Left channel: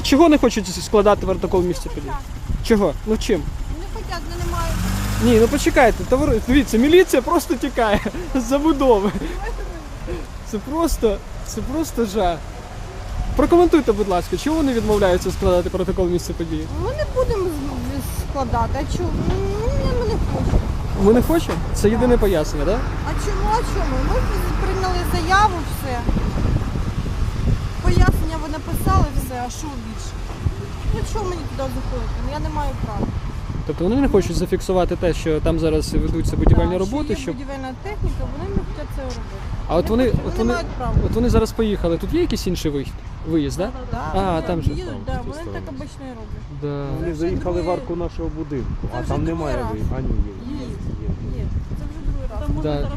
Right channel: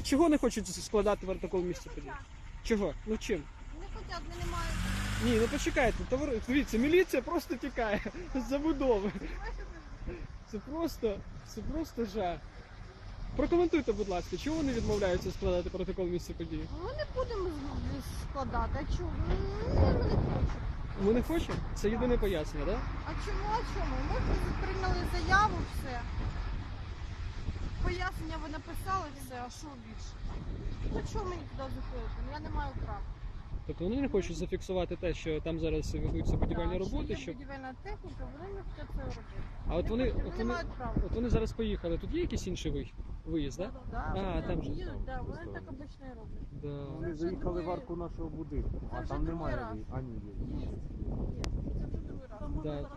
А чого не хочуть складати протокол місця події? Чого? Ну чим? Не хотять, вони не мають. Ні, ну почекайте, товари, дивіться, міліція просто тікає з забудови. Це просто, це просто жах. Прокоментуйте, будь ласка, чого вони відмовляються складати протокол місця події? Ми не будемо складати. А чому? Ну, ми не хочемо. Ми не хочемо? Це єдине пояснення, так? А чому? А чому? Ми прийняли заяву, все. Пояснення ви написали, все, а що більше? Ну чого мені туди заходити? Ну я не маю права. Тобто вони не хочуть зафіксувати те, що там зараз ведуться будівельні Так, роботи, що щоб. будівельна техніка, вони не хочуть це робити. А от вони, хочуть, от вони вони, мають право. от вони зараз поїхали. Тут є якийсь інший вихід? Виїзд, так? Да, А, вони там же. їдуть, да, вони так обично і роблять. Да? Вони вже заїхали в другий- арку нашого будинку, це а вже там другий немає раз. ви. А ні, є. Є. є. Є. Це вже другий раз. Да.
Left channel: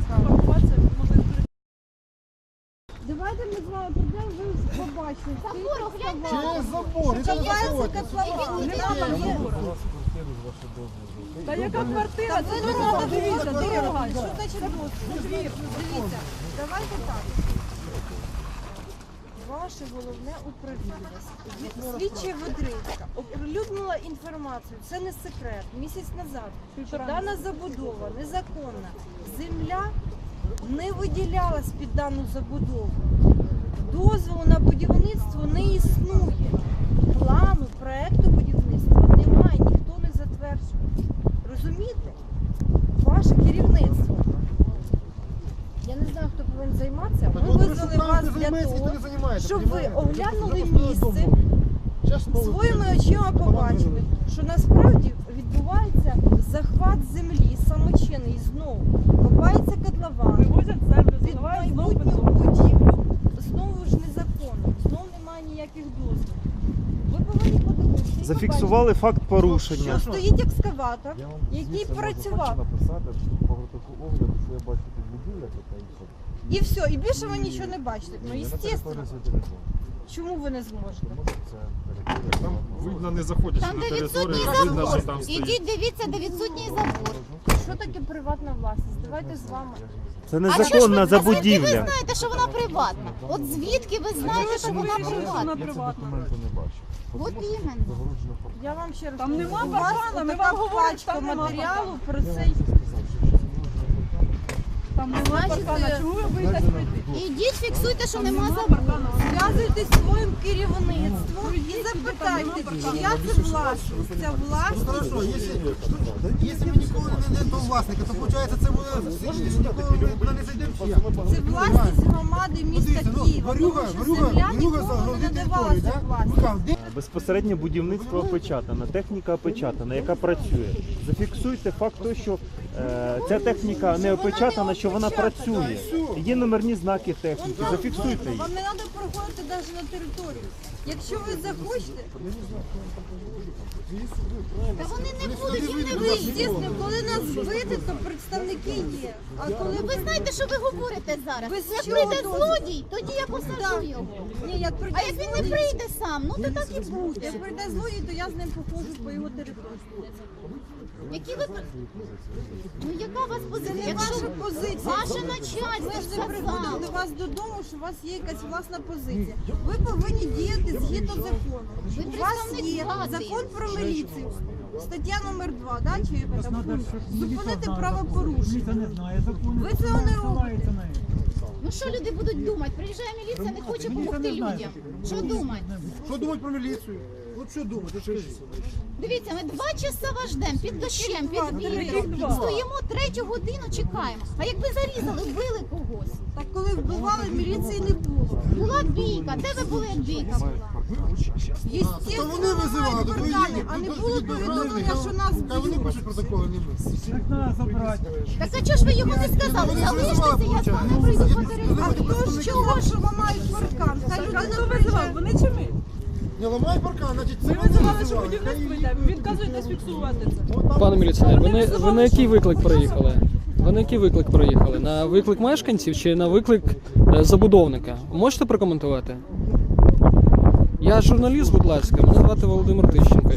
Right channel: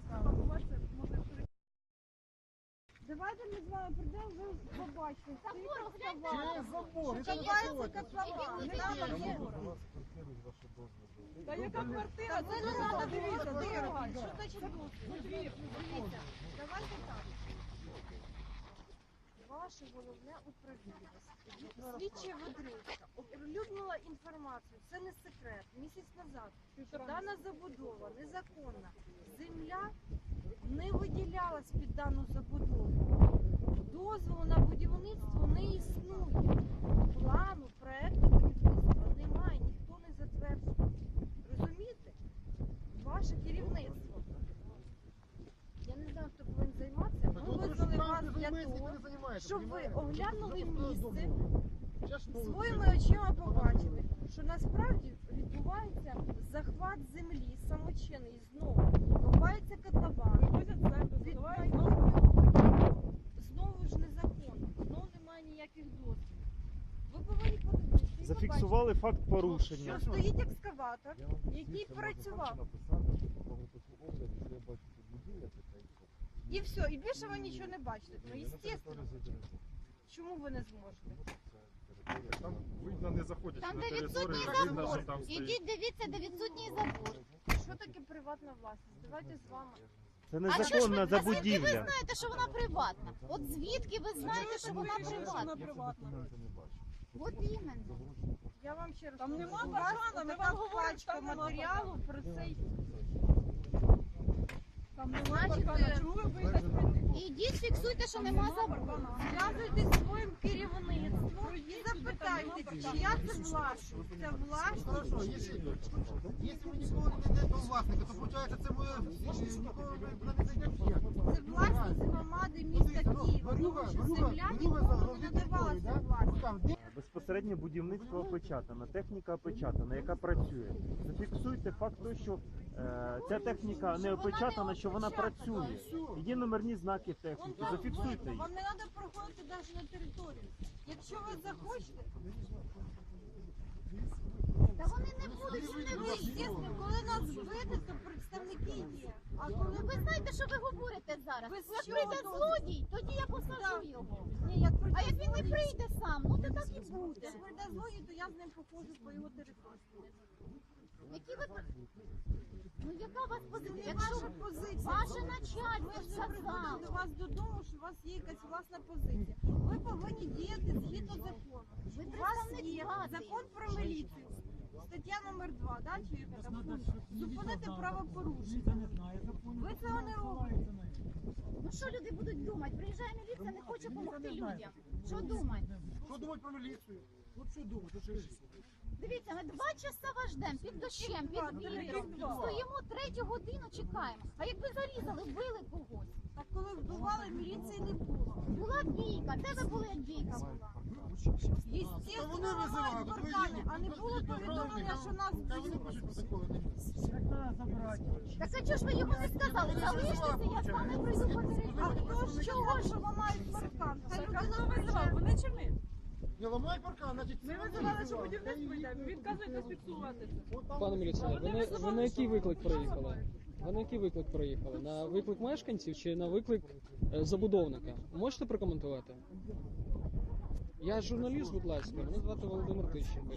Давайте ми з вами прийдемо, ви побачите. Через забор, это Називається. Та яка квартира? Ви не дивіться. Що значить двір? Дивіться, давайте так. Ваше головне управління. Слідча Ведрицька оприлюднила інформацію. Це не секрет. Місяць назад, що дана забудова незаконна. Земля не виділялась під дану забудову. Дозволу на будівництво не існує. Плану проекту будівництва немає, ніхто не затверджував. Розумієте? Ваше керівництво. Я не знаю, хто повинен займатися. Ми визвали вас для того, щоб ви оглянули місце, своїми очима побачили, що насправді Зафіксували факт порушення. що стоїть екскаватор, Я вам який звісно, можу працював. написати по протоколу огляду, що я бачу тут будівля і все. І все, і більше ви нічого не бачите. Ну, Ні, я на естественно. території зайти. Чому ви не зможете? Тому що це територія. Там видно, не заходячи Там на де територію, відсутній видно, що забор. там стоїть. Ідіть, дивіться, де відсутній забор. Що таке приватна власність? Давайте з вами. Це незаконна звідки ви знаєте, що вона приватна? От звідки ви знаєте, що вона приватна? Документи не бачу. От іменно. Загороджено Я вам ще раз Там нема у вас паркана, ми така вам говоримо, пачка там нема матеріалу про цей. це сказав, що щас Там немає Значить, паркана. е, Чому ви боїтесь прийти? Ідіть, фіксуйте, що нема забору. Зв'язуйтесь зі своїм керівництвом і запитайте, чия це власність. Ця Ну власність. хорошо, если, если ніколи не знайдемо власника, то виходить це буде ніколи ми не зайдемо. Це власність громади міста ну, Києва. Тому що земля Варюга нікому не надавалася власність. Безпосередньо будівництво опечатане, техніка опечатана, яка працює. Зафіксуйте факт того, що е, ця техніка не опечатана, що вона працює. Є номерні знаки техніки. Зафіксуйте їх. Вам не треба проходити навіть на територію. Якщо ви захочете, Та вони не будуть, їм не ви, вийде. звісно, коли нас вийде, то представники є. А коли Ви знаєте, що ви говорите зараз? Ви з Як чого прийде злодій, тоді я посажу Так. його. Ні, як прийде А як він не злодій- прийде сам, ну то так і буде. Як прийде злодій, то я з ним походжу по його території. Які ви... Ну яка у вас позиція? Якщо позиція. Ваше Ми начальство ж не приходимо до вас додому, що у вас є якась власна позиція. Ви повинні діяти згідно закону. Ви У вас представник є влади. закон про міліцію. Стаття номер 2, да, чи яка там пункт? Зупинити правопорушення. Ви цього не робите. Ну що люди будуть думати? Приїжджає міліція, не хоче допомогти людям. Що думати? Що думати про міліцію? От що думати, скажіть? Дивіться, ми два часа вас ждемо під дощем, під вітром. Стоїмо третю годину, чекаємо. А якби зарізали, вбили когось. Так коли вбивали, міліції не було. Була бійка. Де ви були, як бійка була? Єстественно, Та вони визивали, мають то ви а не ви було повідомлення, що нас Хай вони б'ють. пишуть протоколи, не ми. Так а чого ж ви його не сказали? Вони ж Залиште я з вами виходить. прийду попереджу. А хто ж сказав, що ламають паркан? Хай людина Хто Вони чи ми? Не ламай паркан, значить це Ми вони визивали, що визивали. будівництво йде. Відказуєтесь фіксувати це. Там Пане міліціонер, ви на, ви на який виклик приїхали? Ви на який виклик приїхали? На виклик мешканців чи на виклик е, забудовника? Можете прокоментувати? Я журналіст, будь ласка, мене звати Володимир Тищенко.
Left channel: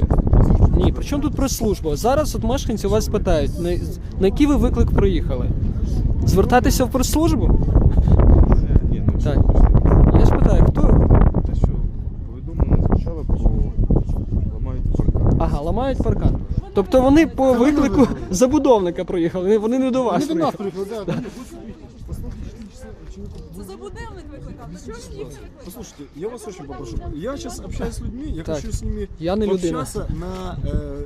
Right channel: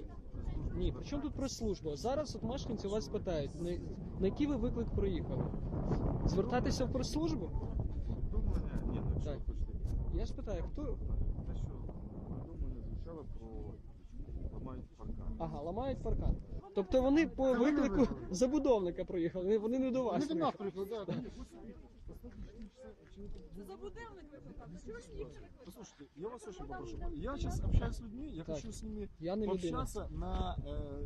Ні, при чому тут прес-служба? Зараз от мешканці вас питають, на, на який ви виклик приїхали? Звертатися в прес-службу? Ні, ну Так. Я ж питаю, хто? Те, що повідомлення звучало про Ага, ламають паркан. Тобто вони по виклику забудовника проїхали, вони не до вас Не до нас приїхали. да. Це забудовник викликав. Ж їх? Послушайте, я вас очень попрошу. Я сейчас общаюсь с людьми, я Так. хочу с ними Я не людина. пообщаться на, э,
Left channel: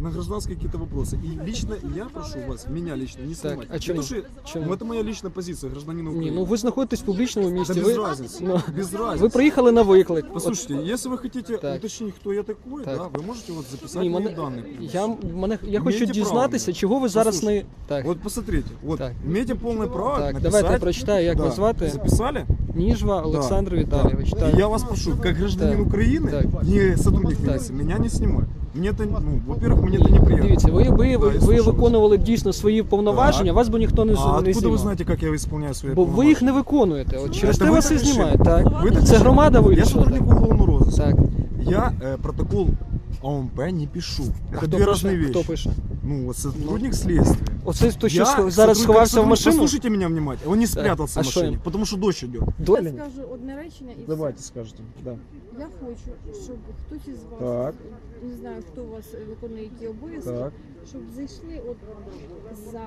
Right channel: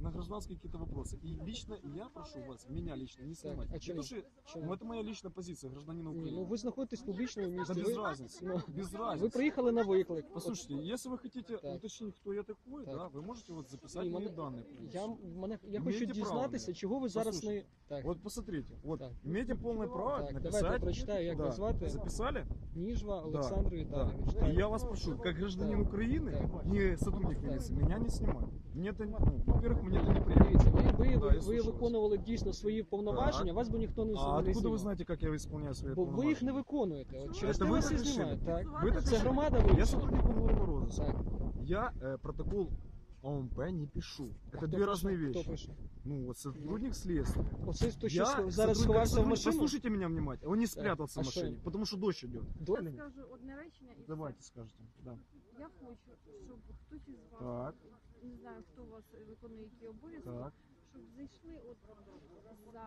на гражданские какие-то вопросы. И лично я прошу вас, меня лично, не снимать. а чему? Потому что Чому? ну, это моя личная позиция гражданина Ні, Украины. ну ви знаходитесь в публічному Да місці. без Ви, разницы. ну, без разницы. ви приїхали на виклик. От- Послушайте, если вы хотите Так. уточнить, кто я такой, Так. да, вы можете вот записать Ні, мои мене, данные. я, мене, я хочу Маєте дізнатися, право. чого ви зараз не. Послухайте, Так, Вот посмотрите, вот Так. имеете полное право так, написать. давайте я прочитаю, як Да. вас звати. Записали? Ніжва Олександр Віталійович. Да. Так. И я вас прошу, как гражданин Так. Украины, Так. не сотрудник Так. милиции, меня не снимать. Мне это, ну, во-первых, мне это неприятно. Дивіться, ви, ви, Да, ви, я ви слушаю вас. виконували дійсно свої повноваження, Так. вас би ніхто не, А з- не откуда знімав. вы знаете, как я исполняю свои Бо ви їх не виконуєте. От через Это те ви вас і так решили? знімають. Так. Вы так Це решили? громада Я вирішила. сотрудник уголовного розыска. Так. Я э, протокол ОМП не пишу. А Это хто две пише? разные вещи. Хто пише? Ну, вот сотрудник следствия. Оце то, що Я схо- зараз сховався в машину. Послушайте меня внимательно. Он не спрятался А в что машине, им? потому что дождь идет. Я скажу одне речення і Давайте скажете. Да. Я хочу, щоб хтось із вас, Так. не знаю, хто у вас виконує які обов'язки, Так. щоб зайшли от за,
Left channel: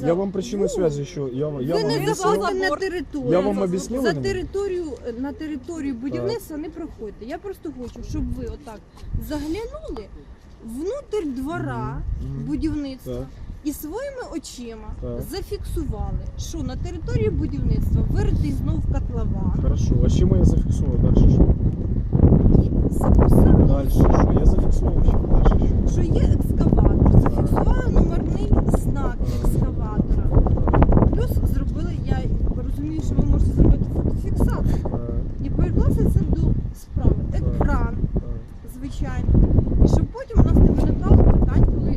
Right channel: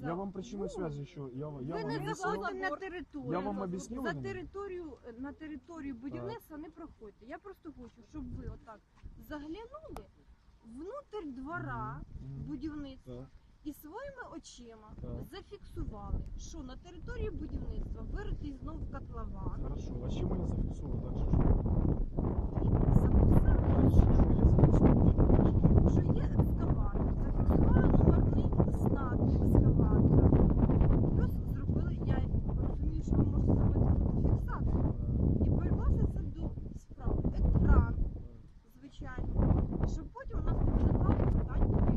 за Я вам причину Ну, связи еще. Я, вам- я ви вам не объяснил. заходите на територію. Я вам об'яснив, за Ірина? територію на територію будівництва не проходьте. Я просто хочу, щоб ви отак заглянули внутрь двора Мгм. будівництва Так. і своїми очима Так. зафіксували, що на території будівництва виритий знов котлован Хорошо. А с чем я зафиксировал? Дальше что? і записали, Дальше что? Я зафиксировал. что? Дальше что? що є екскаватор. Зафіксували номерний знак екскаватора. Плюс зробили, я розумію, що ви можете зробити фотофіксацію. Так, І перекласти це до справи. Екран, так. звичайно. Щоб потім у нас не виникало питань, коли